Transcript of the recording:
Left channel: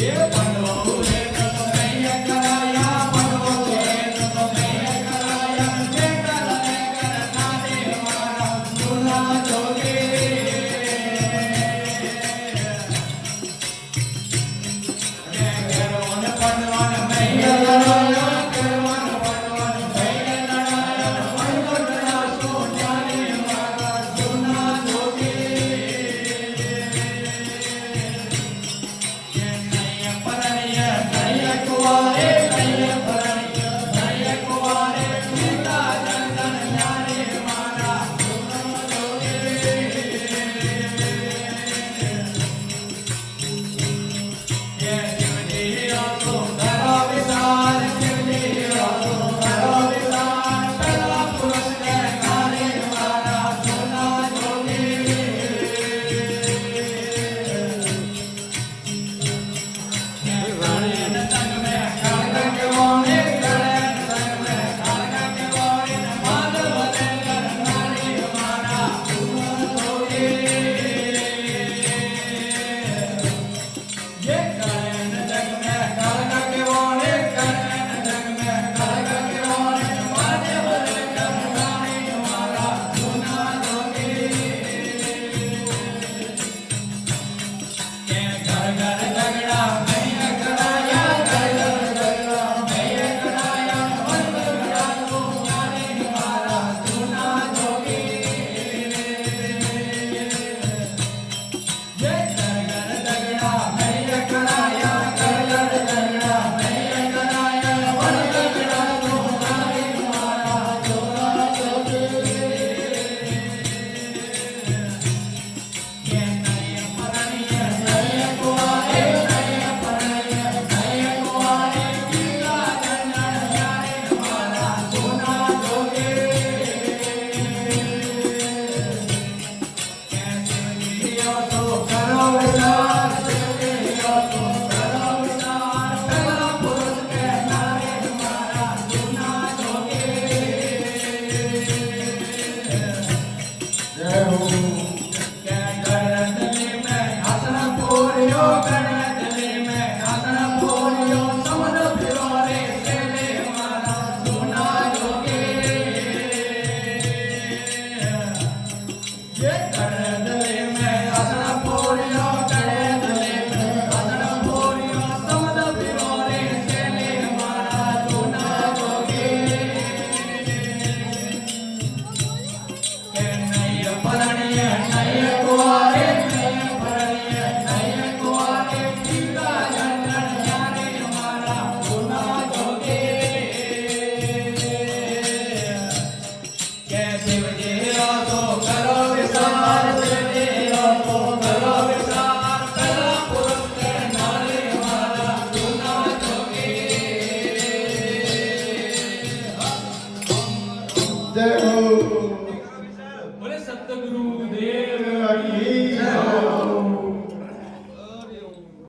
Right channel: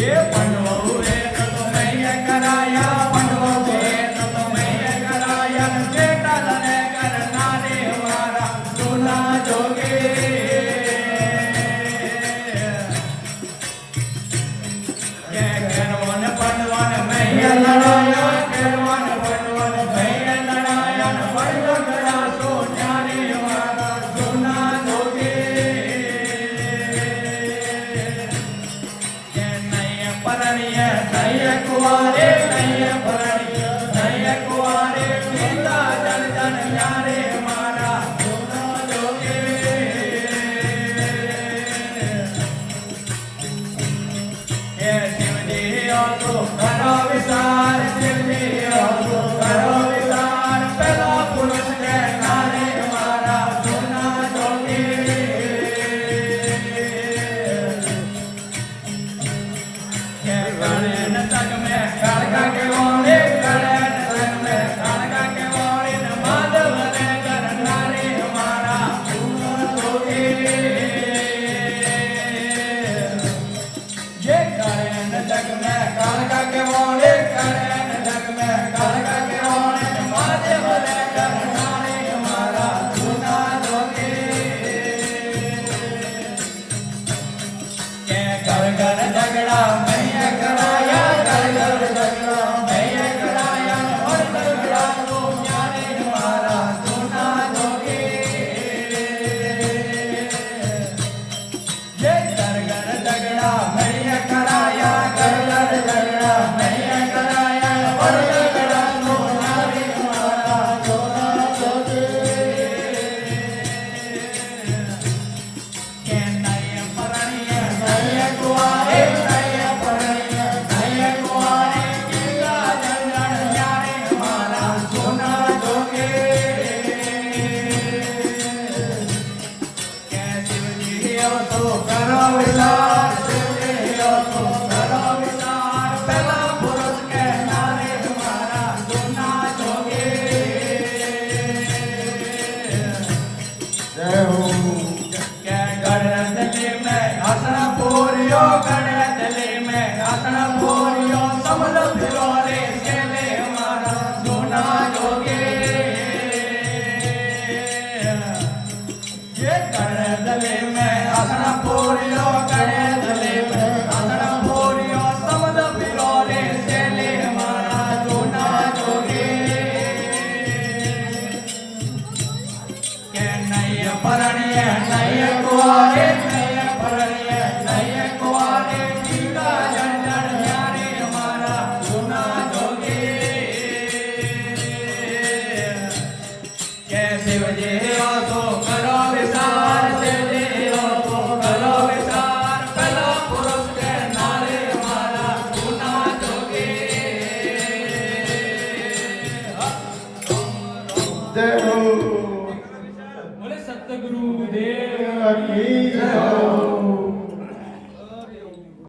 Yeah. વિચાર તેલિયો તું કરો વિચાર પેલા પુરુષ કે નારે મારા જૂના જોગે જય હો કે ગણતલી મેં આસન પૂર્યો ગણતલી મેં આસન પૂર્યો સમજ ફિરો રે તેલે મારા જૂના જોગે ये गणतली में आसन पूर्यो गणतली में आसन पूर्यो समद फिरो रे तेले मारा जूना जोगे के नय परण्य नय कुआरे कीड़ा जंडन ज्ञाने मारा जूना जोगे के शिवजी हो तो करो विचार तेलियो तो करो विचार पेला पुरुष के नारे मारा जूना जोगे जय हो बोले सतगुरु देव की जय हो।